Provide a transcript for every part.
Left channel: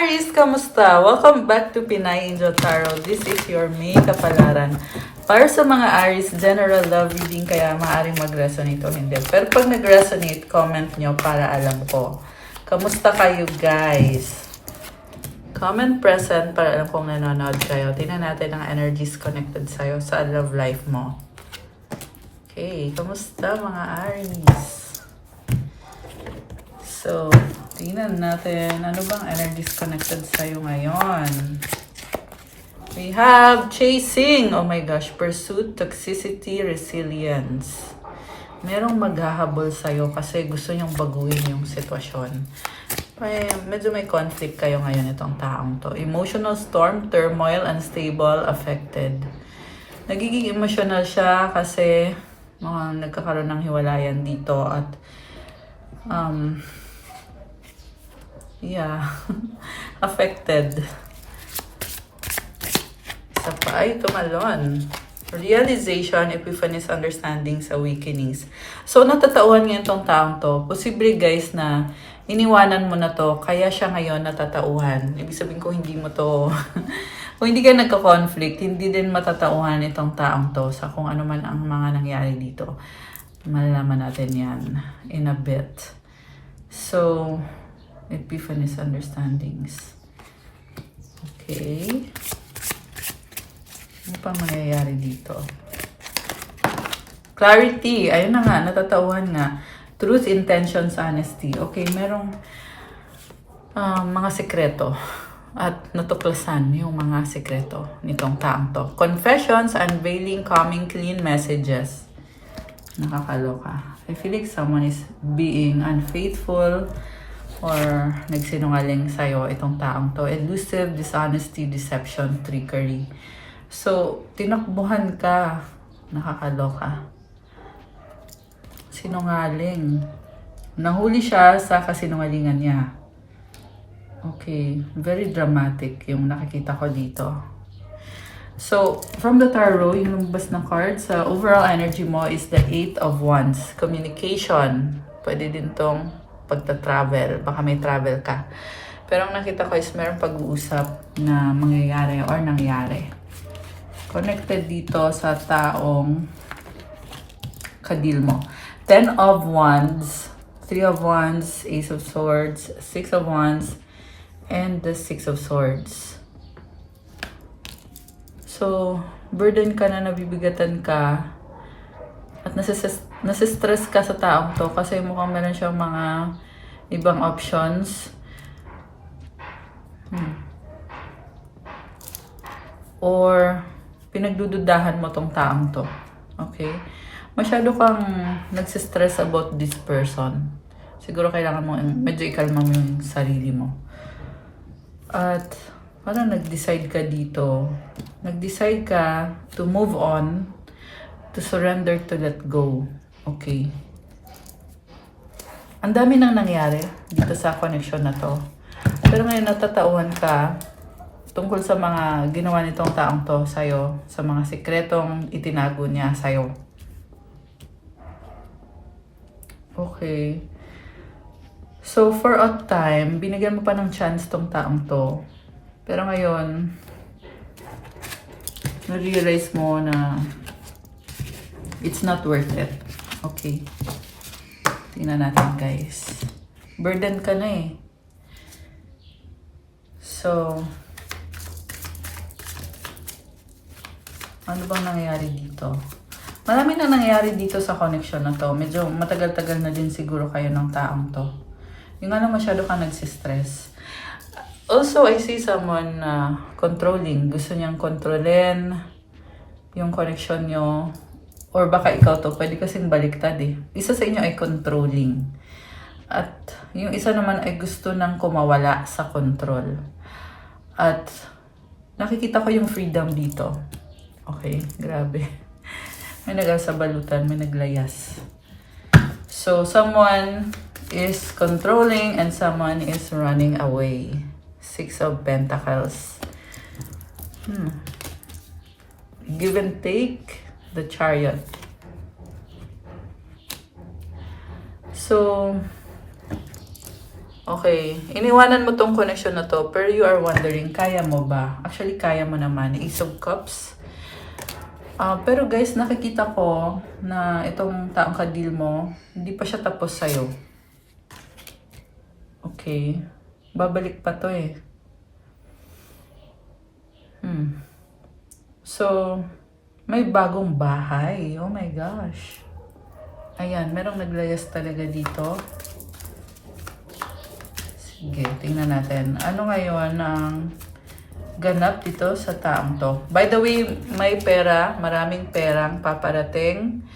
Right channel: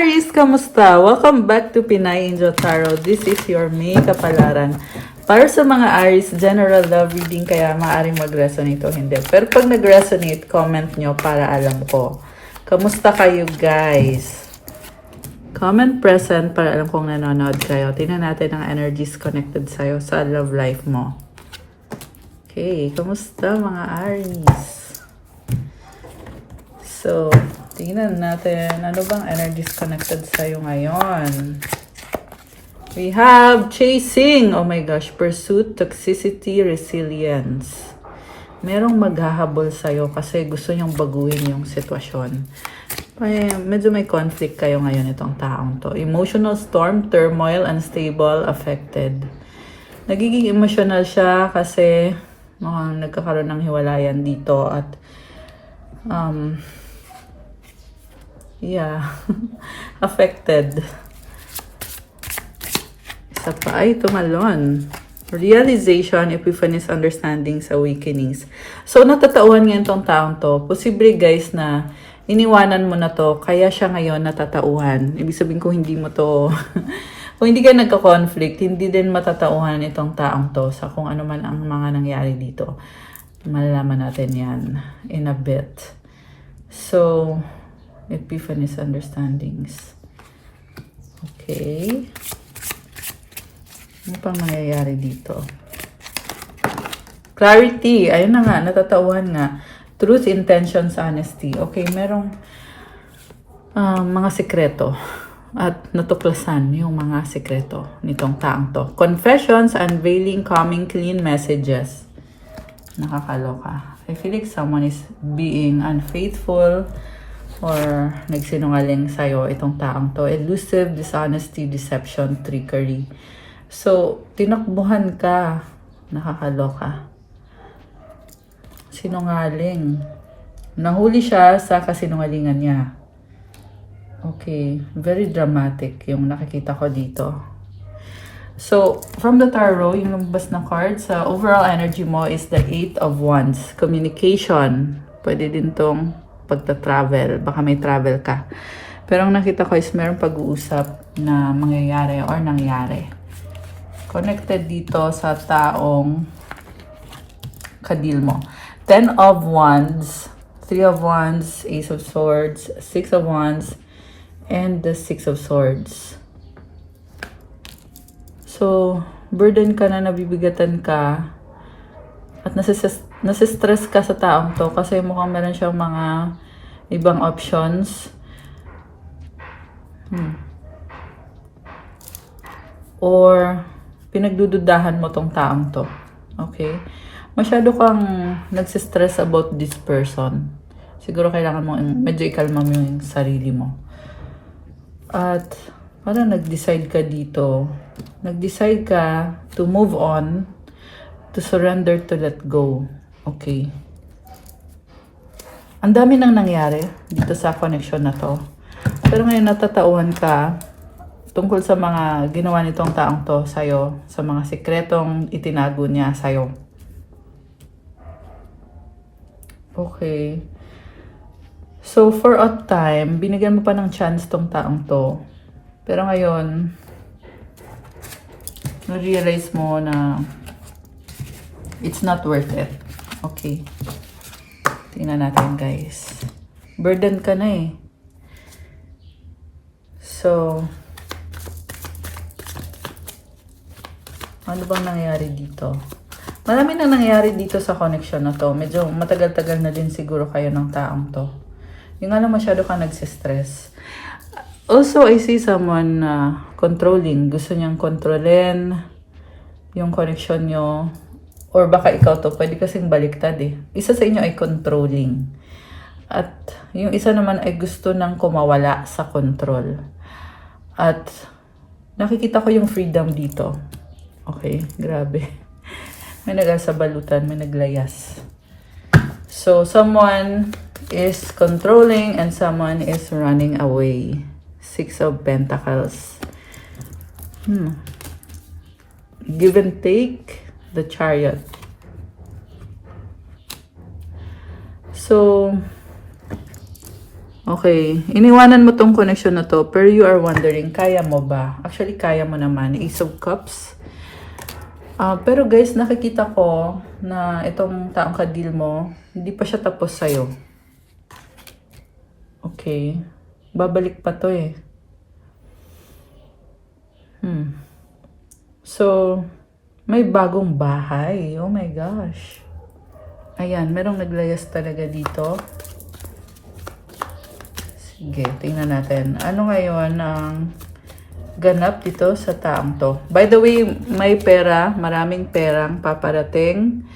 Aries, kamusta? Welcome back to Pinay Angel Tarot. This is your May Kapalaran. Para sa mga Aries, general love reading kaya maaaring mag-resonate o hindi. Pero pag nag-resonate, comment nyo para alam ko. Kamusta kayo guys? Comment present para alam kong nanonood kayo. Tingnan natin ang energies connected sa'yo sa love life mo. Okay, kamusta mga Aries? So, tingnan natin ano bang energies connected sa'yo ngayon. We have chasing. Oh my gosh. Pursuit, toxicity, resilience. Merong maghahabol sa'yo kasi gusto niyong baguhin yung sitwasyon. Medyo may conflict kayo ngayon itong taong to. Emotional storm, turmoil, unstable, affected. Nagiging emotional siya kasi nagkakaroon ng hiwalayan dito at affected. Isa pa ay tumalon. Realization, epiphanies, understandings, awakenings. So, natatauhan ngayon tong taong to. Posible guys na iniwanan mo na to, kaya siya ngayon natatauhan. Ibig sabihin ko hindi mo to, kung hindi ka nagka-conflict, hindi din matatauhan itong taong to sa kung ano man ang mga nangyari dito. Malalaman natin yan in a bit. So, epiphanies, understandings. Okay. Ano pang nangyayari dito? Clarity. Ayun na nga, natatauhan nga. Truth, intentions, honesty. Okay, merong mga sekreto. At natuklasan yung mga sekreto nitong taong to. Confessions, unveiling, coming, clean messages. Nakakaloka. I feel like someone is being unfaithful or nagsinungaling sa'yo itong taong to. Elusive, dishonesty, deception, trickery. So, tinakbuhan ka. Nakakaloka. Sinungaling. Nahuli siya sa kasinungalingan niya. Okay. Very dramatic yung nakikita ko dito. So, from the tarot, yung lumabas ng cards, overall energy mo is the 8 of Wands. Communication. Pwede din tong pagta-travel. Baka may travel ka. Pero ang nakita ko is meron pag-uusap na mangyayari or nangyari. Connected dito sa taong kadil mo. 10 of Wands, 3 of Wands, Ace of Swords, 6 of Wands, and the 6 of Swords. So, burden ka na, nabibigatan ka, at nasistress ka sa taong to kasi mukhang meron siyang mga ibang options. Or, pinagdududahan mo tong taong to. Okay? Masyado kang nagsistress about this person. Siguro kailangan mo, medyo ikalma mo yung sarili mo. At, parang nag-decide ka dito. Nag-decide ka to move on, to surrender, to let go. Okay? Ang dami nang nangyari dito sa connection na to. Pero ngayon natatauhan ka tungkol sa mga ginawa nitong taong to sa'yo, sa mga sikretong itinago niya sa'yo. Okay. So, for a time, binigyan mo pa ng chance tong taong to. Pero ngayon, na-realize mo na it's not worth it. Okay. Tingnan natin, guys. Burden ka na eh. So, ano bang nangyayari dito? Marami na nangyayari dito sa connection na to. Medyo matagal-tagal na din siguro kayo ng taong to. Yung ano masyado kang nagsistress. Also, I see someone controlling. Gusto niyang kontrolin yung connection nyo. Or baka ikaw to. Pwede kasing baliktad eh. Isa sa inyo ay controlling. At yung isa naman ay gusto nang kumawala sa control. At nakikita ko yung freedom dito. Okay, grabe. May nagasabalutan, may naglayas. So, someone is controlling and someone is running away. 6 of Pentacles. Give and take, the Chariot. So, Okay, iniwanan mo tong connection na to, pero you are wondering, kaya mo ba? Actually, kaya mo naman. Ace of Cups. Pero guys, nakikita ko na itong taong ka-deal mo, hindi pa siya tapos sa'yo. Okay. Babalik pa to eh. So, may bagong bahay. Oh my gosh. Ayan, merong naglayas talaga dito. Sige, tingnan natin. Ano ngayon ang ganap dito sa taong to? By the way, may pera, maraming perang paparating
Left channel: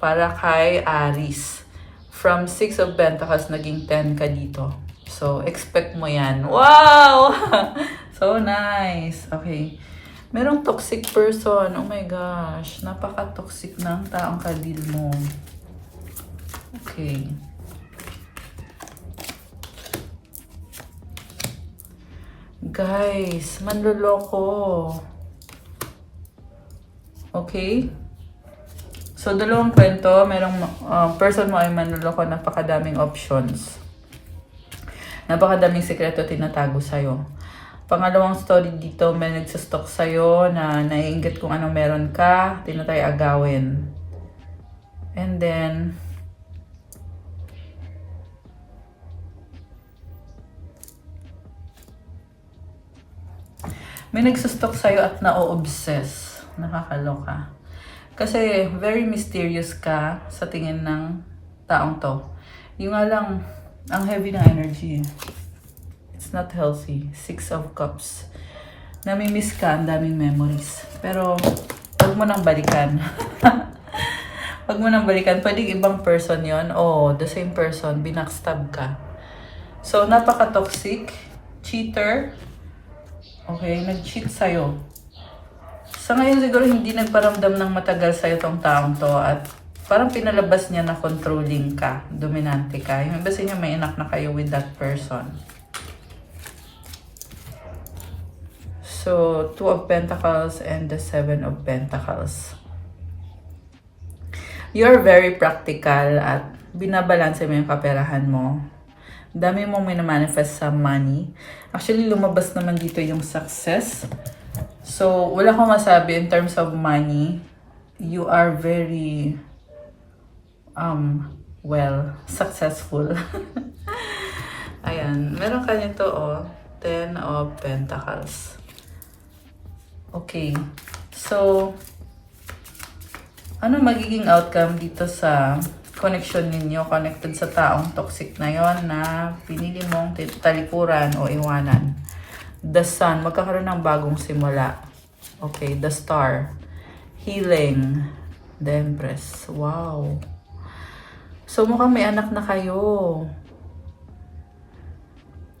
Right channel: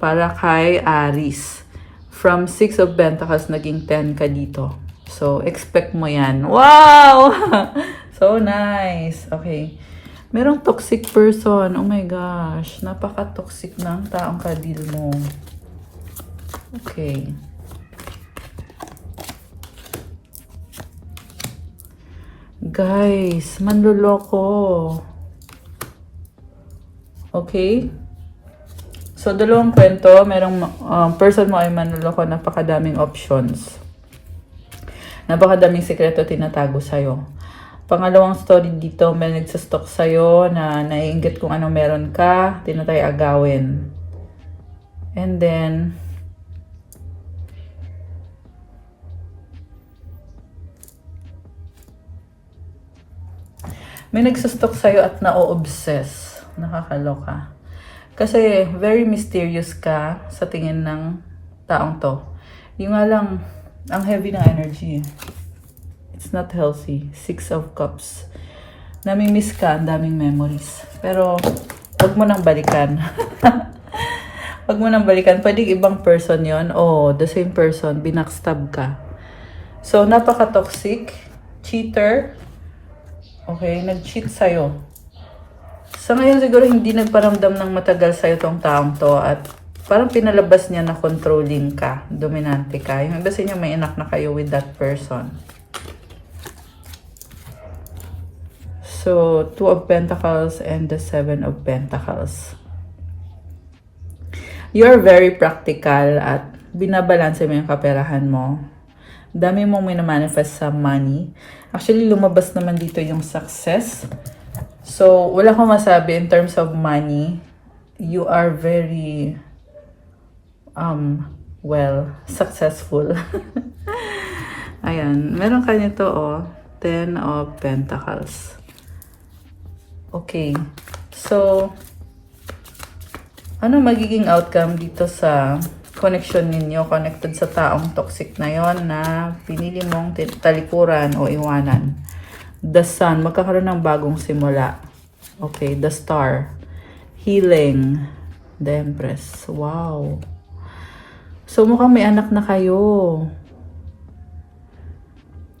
para kay Aries. From 6 of Pentacles, naging 10 ka dito. So, expect mo yan. Wow! So nice. Okay. Merong toxic person. Oh my gosh. Napaka-toxic ng taong ka-deal mo. Okay. Guys, manloloko. Okay? So, dalawang kwento. Merong person mo ay manloloko. Napakadaming options. Napakadaming sekreto tinatago sa'yo. Pangalawang story dito, may nagsastalk sa'yo na naiinggit kung anong meron ka, tinatry agawin. And then, may nagsastalk sa'yo at na-obsess. Nakakaloka. Kasi very mysterious ka sa tingin ng taong to. Yung nga lang, ang heavy ng energy. It's not healthy. 6 of Cups. Nami-miss ka, ang daming memories. Pero, huwag mo nang balikan. Huwag mo nang balikan. Pwede ibang person yon o the same person, binackstab ka. So, napaka-toxic. Cheater. Okay, nag-cheat sa'yo. Sa ngayon siguro hindi nagparamdam ng matagal sa'yo tong taong to at parang pinalabas niya na controlling ka, dominante ka. Yung iba sa inyo may anak na kayo with that person. So, 2 of Pentacles and the 7 of Pentacles. You're very practical at binabalanse mo yung kaperahan mo. Dami mong minamanifest sa money. Actually, lumabas naman dito yung success. So, wala kang masabi in terms of money. You are very, well, successful. Ayan. Meron ka nito, oh. 10 of Pentacles. Okay. So, ano magiging outcome dito sa connection ninyo, connected sa taong toxic na yon na pinili mong talikuran o iwanan? The Sun, magkakaroon ng bagong simula. Okay, the Star. Healing. The Empress. Wow. So, mukhang may anak na kayo.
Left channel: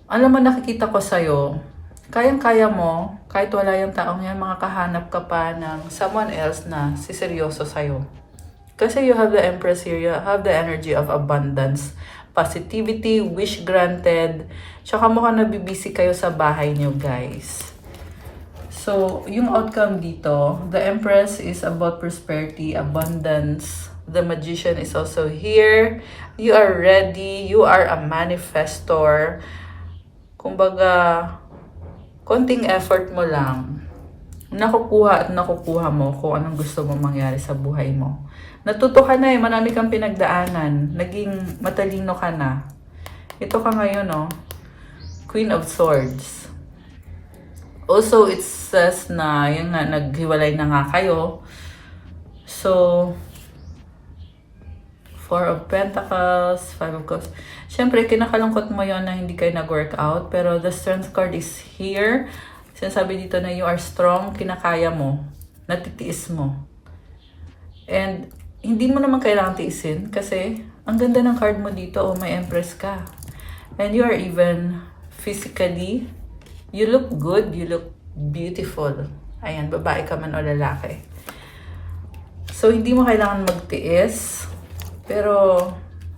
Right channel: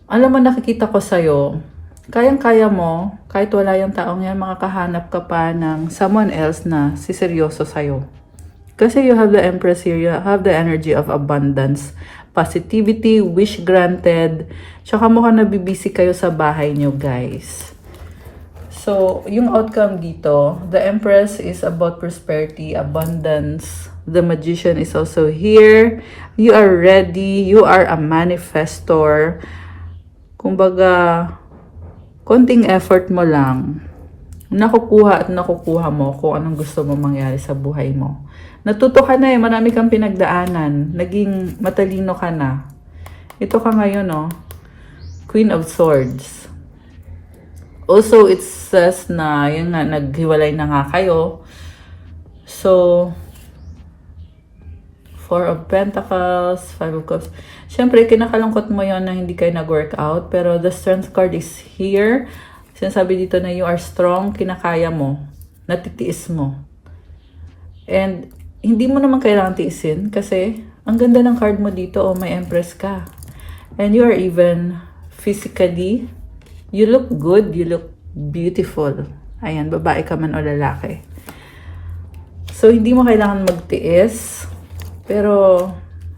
Alam mo, nakikita ko sa'yo, kayang-kaya mo, kahit wala yung taong yan, makakahanap ka pa ng someone else na siseryoso sa'yo. Kasi you have the Empress here, you have the energy of abundance, positivity, wish granted, tsaka mukhang nabibisi kayo sa bahay nyo, guys. So, yung outcome dito, the Empress is about prosperity, abundance. The Magician is also here. You are ready. You are a manifestor. Kumbaga, konting effort mo lang, nakukuha at nakukuha mo kung anong gusto mo mangyari sa buhay mo. Natuto ka na eh, marami kang pinagdaanan, naging matalino ka na. Ito ka ngayon, oh, Queen of Swords. Also, it says na, yun nga, naghiwalay na nga kayo. So, 4 of Pentacles, 5 of Cups. Siyempre, kinakalungkot mo yon na hindi kayo nag-work out. Pero the Strength card is here. Sinasabi dito na you are strong, kinakaya mo, natitiis mo. And hindi mo naman kailangan tiisin kasi ang ganda ng card mo dito, oh, may Empress ka. And you are even physically, you look good, you look beautiful. Ayan, babae ka man o lalaki. So, hindi mo kailangan magtiis. Pero,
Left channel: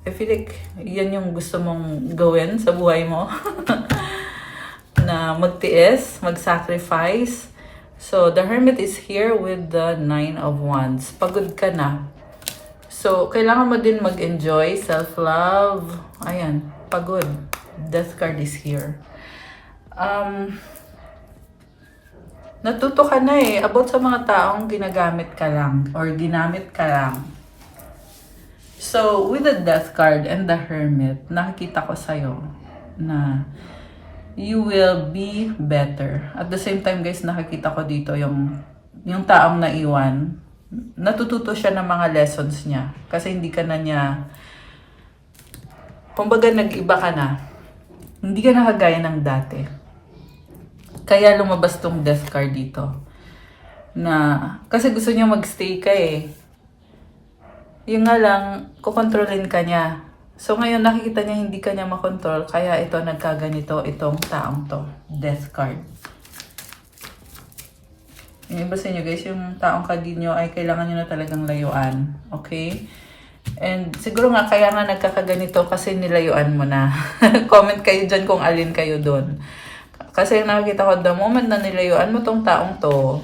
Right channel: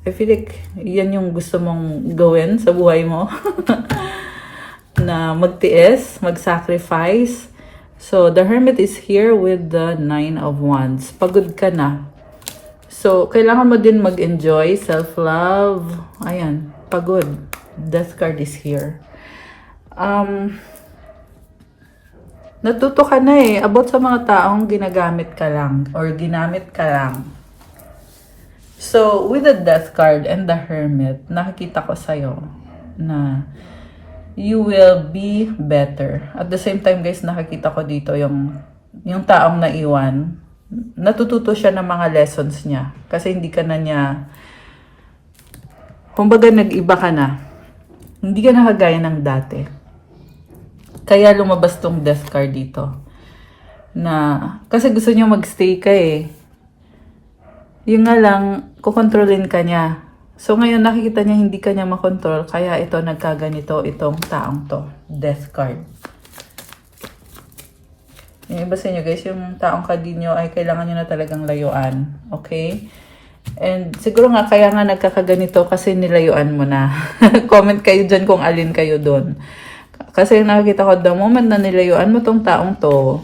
I feel like yan yung gusto mong gawin sa buhay mo. Na magtiis, mag-sacrifice. So, the Hermit is here with the 9 of Wands. Pagod ka na. So, kailangan mo din mag-enjoy, self-love. Ayan, pagod. Death card is here. Natuto ka na eh, about sa mga taong ginagamit ka lang or ginamit ka lang. So, with the Death card and the Hermit, nakikita ko sa'yo na you will be better. At the same time guys, nakikita ko dito yung taong naiwan. Natututo siya ng mga lessons niya. Kasi hindi ka na niya, kumbaga nag-iba ka na. Hindi ka na kagaya ng dati. Kaya lumabas tong Death card dito. Na, kasi gusto niya magstay ka eh. Yung nga lang, kukontrolin ka niya. So ngayon nakikita niya hindi ka niya makontrol. Kaya ito nagkaganito itong taong to. Death card. Yung iba sa inyo guys, yung taong kadinyo ay kailangan nyo na talagang layuan. Okay? And siguro nga kaya nga nagkakaganito kasi nilayuan mo na. Comment kayo dyan kung alin kayo doon. Kasi nakikita ko, the moment na nilayuan mo tong taong to,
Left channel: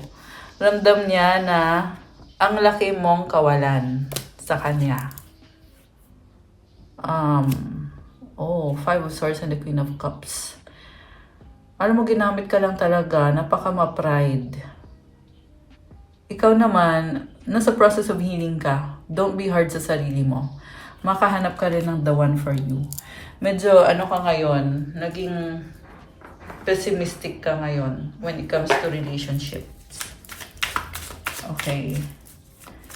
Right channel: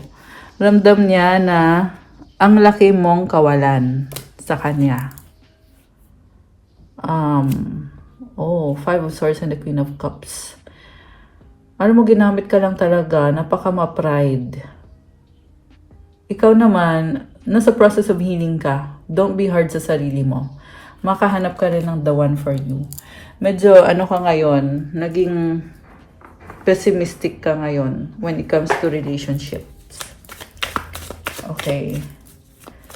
ramdam niya na ang laki mong kawalan sa kanya. Five of Swords and the Queen of Cups. Alam mo, ginamit ka lang talaga, napaka ma-pride. Ikaw naman, nasa process of healing ka. Don't be hard sa sarili mo. Makahanap ka rin ng the one for you. Medyo, ka ngayon, naging pessimistic ka ngayon when it comes to relationships. Okay.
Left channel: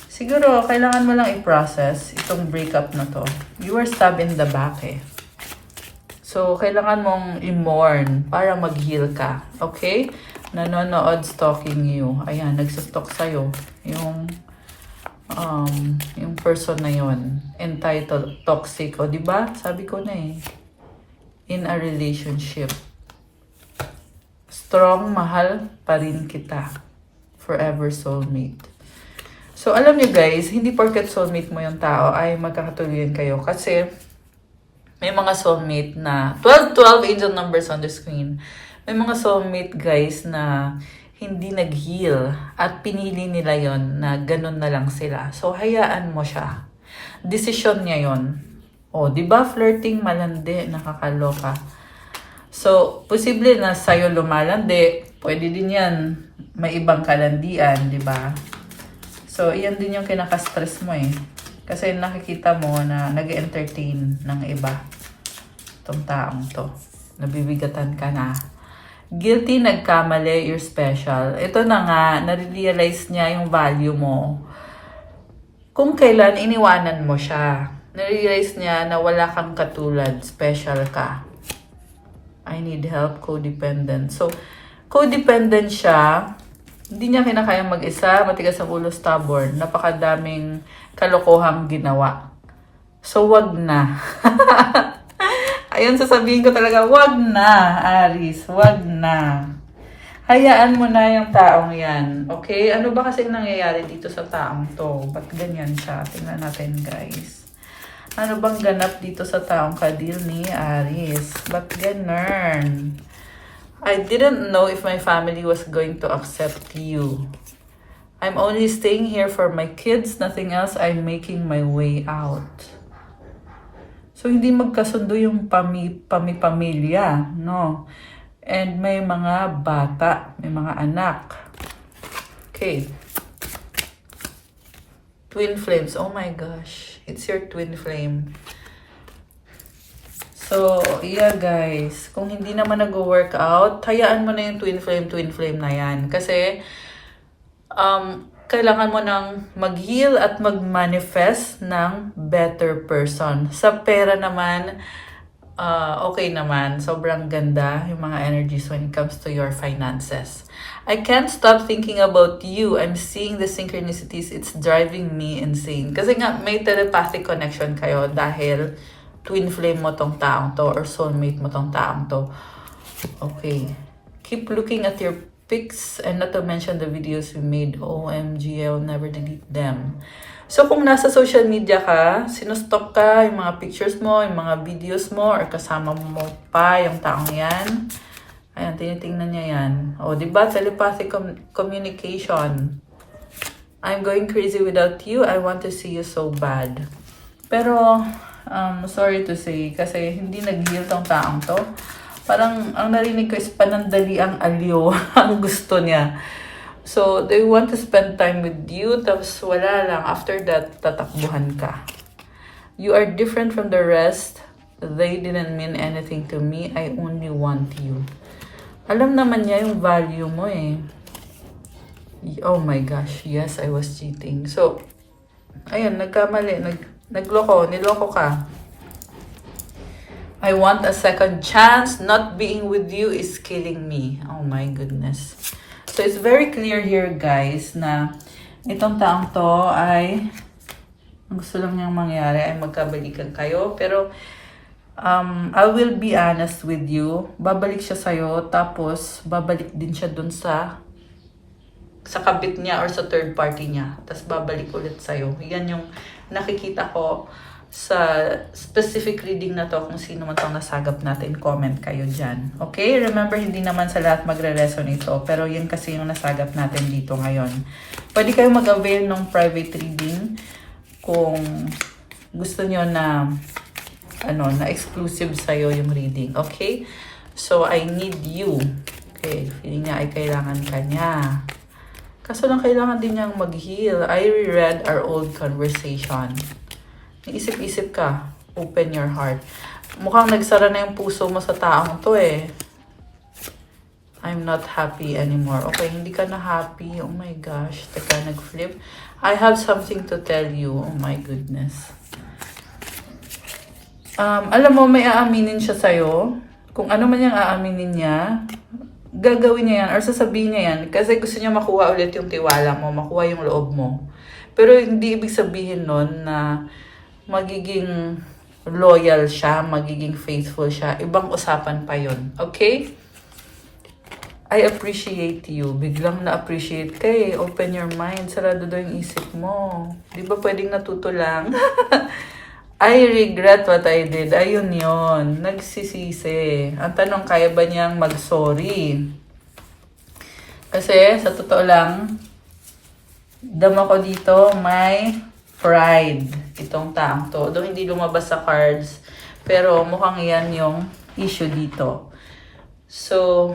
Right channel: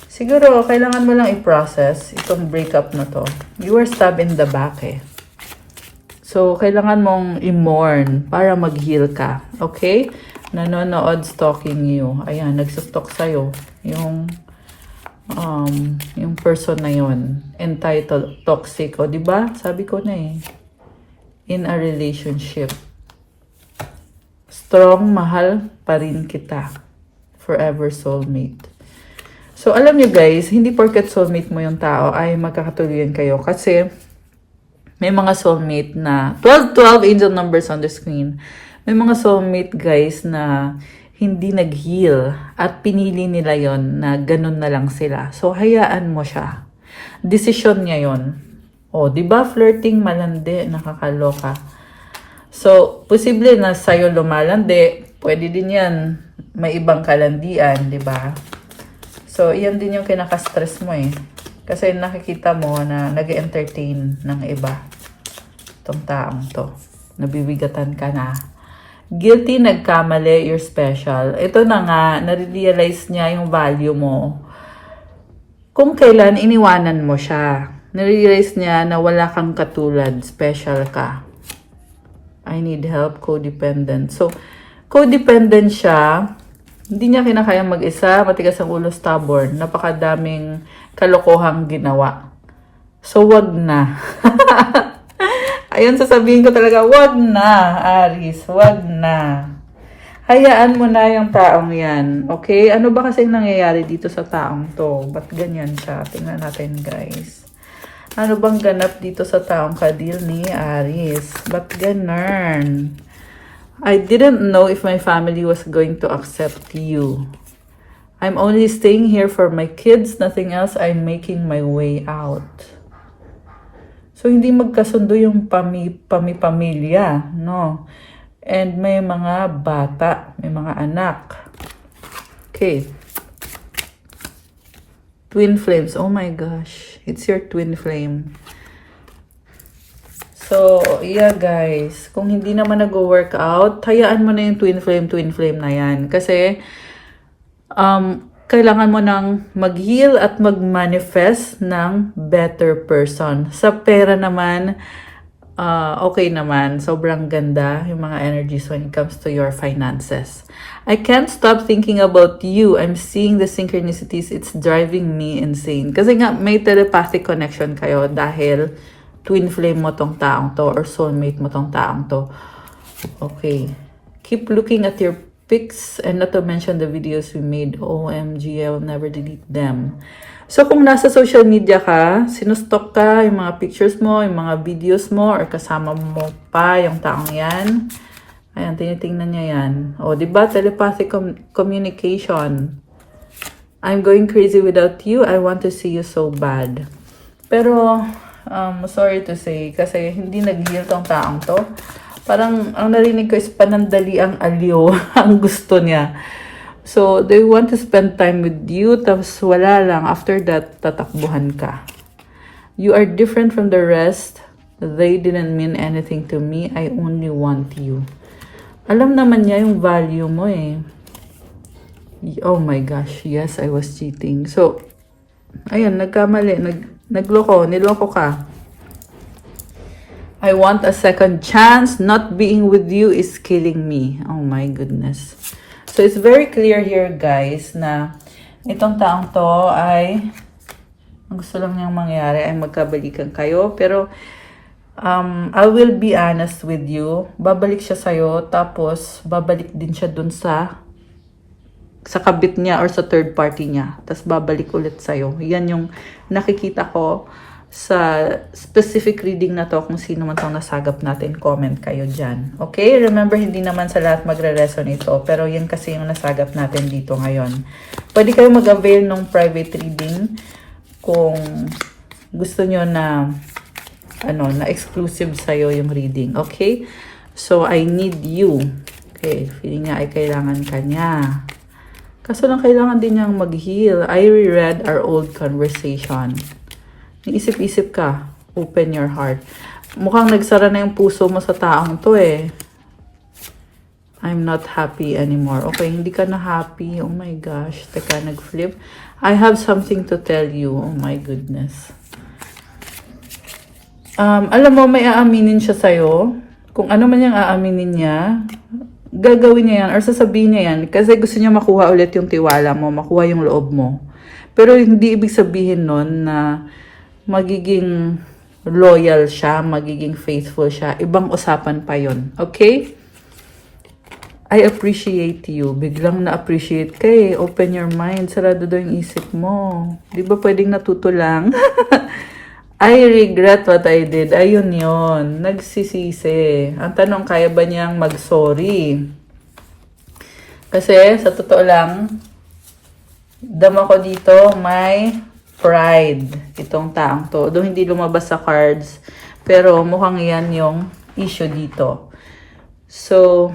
Siguro, kailangan mo lang i-process itong breakup na to. You were stabbed in the back eh. So, kailangan mong i-mourn para mag-heal ka. Okay? Nanonood stalking you. Ayan, nagsistalk sa'yo. Yung person na yon, entitled toxic. O, diba? Sabi ko na eh. In a relationship. Strong, mahal pa rin kita. Forever soulmate. So, alam niyo guys, hindi porket soulmate mo yung tao ay magkakatuluyan kayo. Kasi, may mga soulmate na, 12 angel numbers on the screen. May mga soulmate guys na hindi nag-heal at pinili nila yon na ganun na lang sila. So, hayaan mo siya. Decision niya yon. O, di ba flirting, malandi, nakakaloka. So, posible na sa'yo lumalandi. Pwede din yan. May ibang kalandian, di ba? So, iyan din yung kinaka-stress mo eh. Kasi nakikita mo na nag-entertain ng iba. Itong taong to. Nabibigatan ka na. Guilty, nagkamali, you're special. Ito na nga, nare-realize niya yung value mo. Kung kailan iniwanan mo siya. Nare-realize niya na wala kang katulad, special ka. I need help, codependent. So, codependent siya. Hindi niya kinakayang mag-isa, matigas ang ulo, stubborn. Napakadaming kalokohang ginawa. So, wag na. Ayun, sasabihin ko talaga, wag na, Aries. Wag na. Hayaan mo na yung taong yan. Okay? Ano ba kasi nangyayari dito sa taong to? Ba't ganyan siya? Tingnan natin, guys. Ano bang ganap dito sa taong kadil ni Aries? Ba't ganun? I didn't know if my family was going to accept you. I'm only staying here for my kids. Nothing else. I'm making my way out. So, hindi magkasundo yung pamilya, no? And may mga bata, may mga anak. Okay. Twin flames. Oh my gosh. It's your twin flame. So, yeah guys. Kung hindi naman nag-work out, hayaan mo na yung twin flame na yan. Kasi, kailangan mo nang mag-heal at mag-manifest ng better person. Sa pera naman, okay naman. Sobrang ganda yung mga energies when it comes to your finances. I can't stop thinking about you. I'm seeing the synchronicities. It's driving me insane. Kasi nga, may telepathic connection kayo dahil twin flame mo tong taong to or soulmate mo tong taong to. Okay. Keep looking at your pics and not to mention the videos we made. OMG, I will never delete them. So, kung nasa social media ka, sinustok ka, yung mga pictures mo, yung mga videos mo, or kasama mo pa yung taong yan, ayan, tinitingnan niya yan. O, diba? Telepathic communication. I'm going crazy without you. I want to see you so bad. Pero, sorry to say, kasi hindi nag-heal tong taong to. Parang ang narinig ko is panandali ang aliw ang gusto niya. So, they want to spend time with you, tapos wala lang. After that, tatakbuhan ka. You are different from the rest. They didn't mean anything to me. I only want you. Alam naman niya yung value mo eh. Oh my gosh, yes, I was cheating. So, ayan, nagkamali. Nagloko, niloko ka. I want a second chance. Not being with you is killing me. Oh my goodness. So, it's very clear here, guys, na itong taong to ay ang gusto lang niyang mangyari ay magkabalikan kayo. Pero, I will be honest with you. Babalik siya sa'yo, tapos babalik din siya dun sa kabit niya or sa third party niya. Tapos babalik ulit sa'yo. Yan yung nakikita ko sa specific reading na to. Kung sino man itong nasagap natin, comment kayo dyan. Okay? Remember, hindi naman sa lahat magre-resonate ito. Pero yan kasi yung nasagap natin dito ngayon. Pwede kayo mag-avail ng private reading kung gusto nyo na na exclusive sa'yo yung reading. Okay? So, I need you. Okay. Feeling nga ay kailangan ka niya. Kaso lang kailangan din niyang mag-heal. I reread our old conversation. Isip-isip ka. Open your heart. Mukhang nagsara na yung puso mo sa taong to eh. I'm not happy anymore. Okay, hindi ka na happy. Oh my gosh. Teka, nag-flip. I have something to tell you. Oh my goodness. Alam mo, may aaminin siya sa'yo. Kung ano man yung aaminin niya, gagawin niya yan or sasabihin niya yan kasi gusto niya makuha ulit yung tiwala mo, makuha yung loob mo. Pero hindi ibig sabihin nun na magiging loyal siya, magiging faithful siya. Ibang usapan pa yun. Okay? I appreciate you. Biglang na-appreciate ka eh. Open your mind. Sarado daw yung isip mo. Di ba pwedeng natuto lang? I regret what I did. Ayun yun. Nagsisisi. Ang tanong, kaya ba niyang mag-sorry? Kasi, sa totoo lang, dama ko dito, may pride. Itong taong to. Doon hindi lumabas sa cards. Pero mukhang yan yung issue dito. So,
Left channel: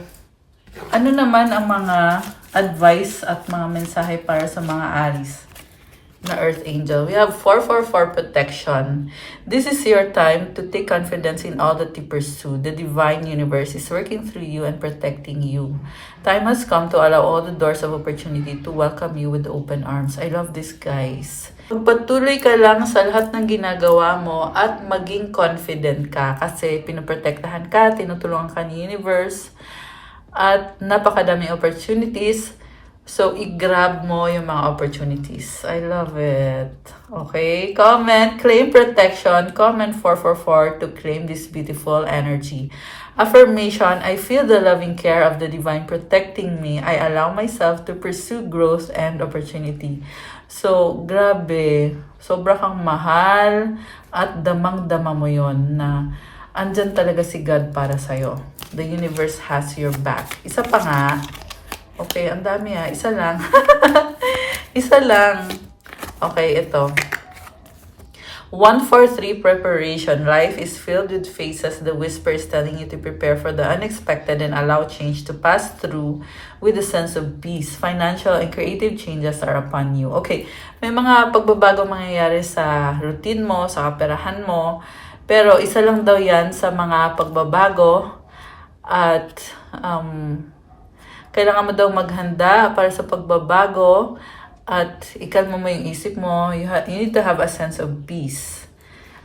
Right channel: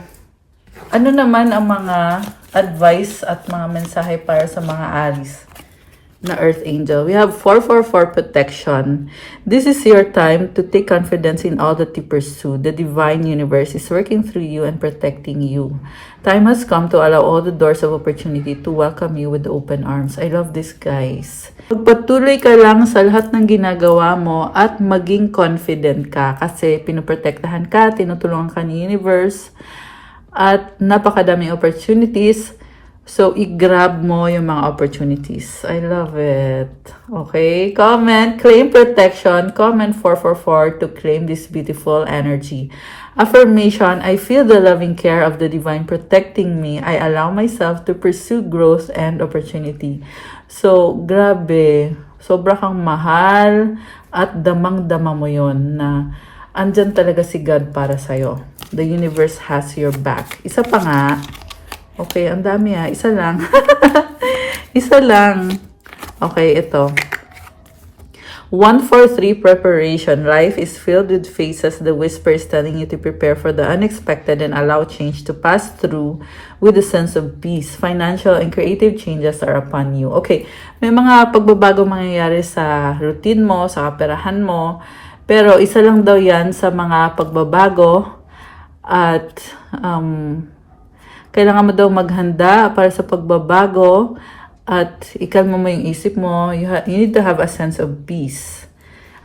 ano naman ang mga advice at mga mensahe para sa mga Aries na Earth Angel? We have 444 protection. This is your time to take confidence in all that you pursue. The divine universe is working through you and protecting you. Time has come to allow all the doors of opportunity to welcome you with open arms. I love this, guys. Pagpatuloy ka lang sa lahat ng ginagawa mo at maging confident ka kasi pinuprotektahan ka, tinutulungan ka ni universe at napakadaming opportunities. So, i-grab mo yung mga opportunities. I love it. Okay? Comment, claim protection. Comment 444 to claim this beautiful energy. Affirmation, I feel the loving care of the divine protecting me. I allow myself to pursue growth and opportunity. So, grabe. Sobra kang mahal at damang-dama mo yon na andyan talaga si God para sa'yo. The universe has your back. Isa pa nga. Okay, ang dami ah. Isa lang. Isa lang. Okay, ito. 143 preparation. Life is filled with phases. The whisper is telling you to prepare for the unexpected and allow change to pass through with a sense of peace. Financial and creative changes are upon you. Okay, may mga pagbabago mangyayari sa routine mo, sa kaperahan mo. Pero isa lang daw yan sa mga pagbabago at kailangan mo daw maghanda para sa pagbabago at ikalma mo yung isip mo. You need to have a sense of peace.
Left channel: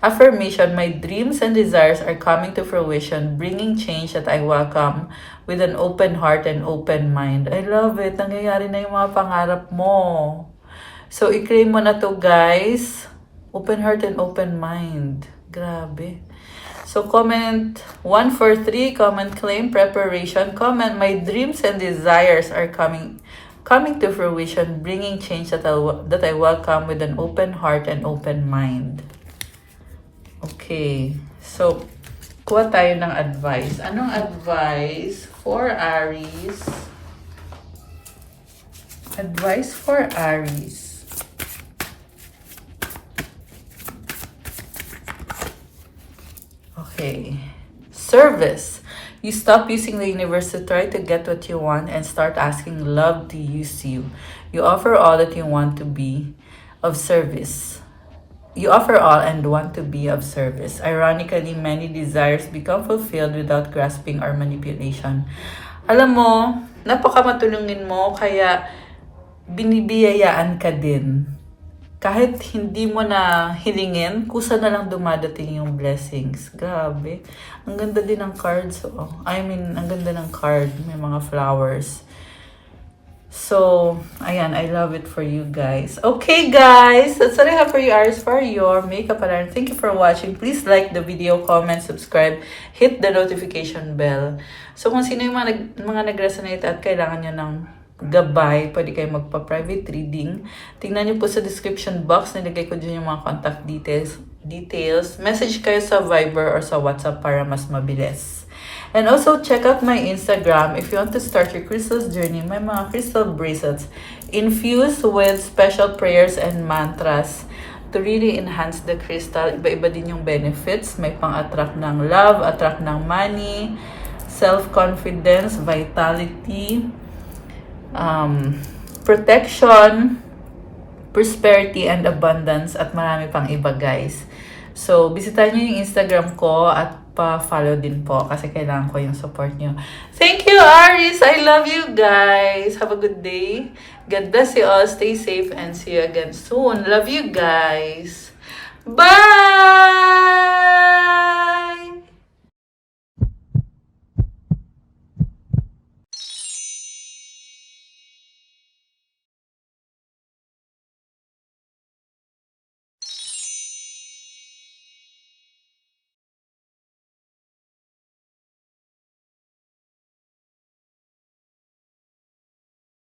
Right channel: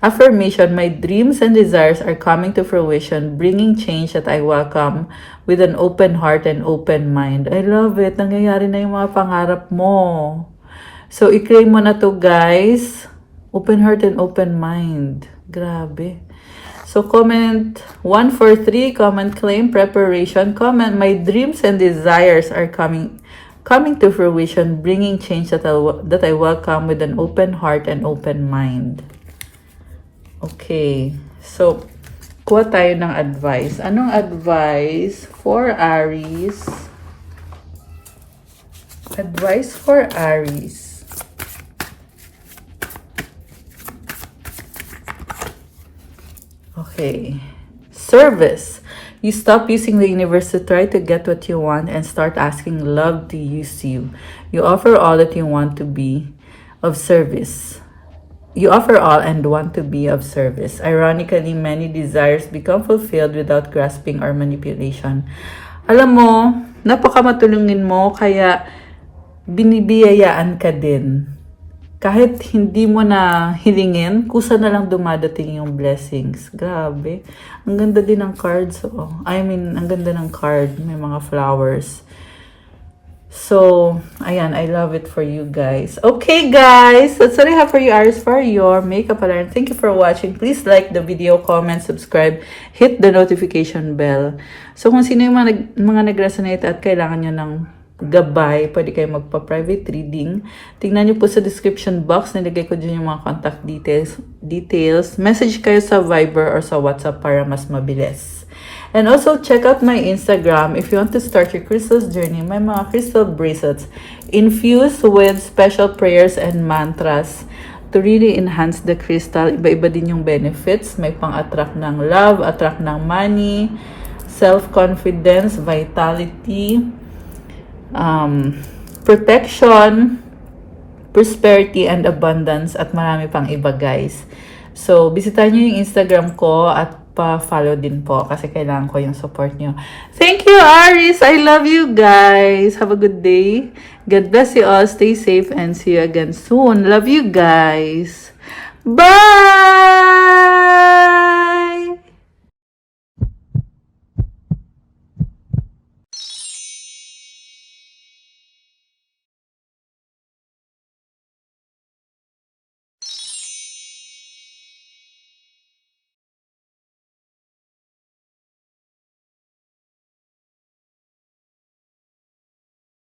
Affirmation, my dreams and desires are coming to fruition, bringing change that I welcome with an open heart and open mind. I love it. Nangyayari na yung mga pangarap mo. So, i-claim mo na to, guys. Open heart and open mind. Grabe. So, comment 143, comment claim preparation, comment my dreams and desires are coming to fruition, bringing change that I welcome with an open heart and open mind. Okay. So, kuha tayo ng advice. Anong advice for Aries? Advice for Aries. Okay. Service. You stop using the universe to try to get what you want and start asking love to use you. You offer all that you want to be of service. You offer all and want to be of service. Ironically, many desires become fulfilled without grasping or manipulation. Alam mo, napakamatulungin mo, kaya binibiyayaan ka din. Kahit hindi mo na hilingin, kusa na lang dumadating yung blessings. Grabe. Ang ganda din ng cards. Oh. Ang ganda ng card. May mga flowers. So, ayan, I love it for you guys. Okay, guys, that's what I have for you, Aries, for your makeup alarm. Thank you for watching. Please like the video, comment, subscribe, hit the notification bell. So, kung sino yung mga nag-resonate at kailangan nyo ng gabay, pwede kayo magpa-private reading. Tingnan nyo po sa description box, nilagay ko dyan yung mga contact details. Message kayo sa Viber or sa WhatsApp para mas mabilis. And also, check out my Instagram if you want to start your crystals journey. May mga crystal bracelets infused with special prayers and mantras to really enhance the crystal. Iba-iba din yung benefits. May pang-attract ng love, attract ng money, self-confidence, vitality, protection, prosperity, and abundance, at marami pang iba, guys. So, bisitahin nyo yung Instagram ko at pa-follow din po kasi kailangan ko yung support nyo. Thank you, Aries! I love you guys! Have a good day. God bless you all. Stay safe and see you again soon. Love you guys. Bye!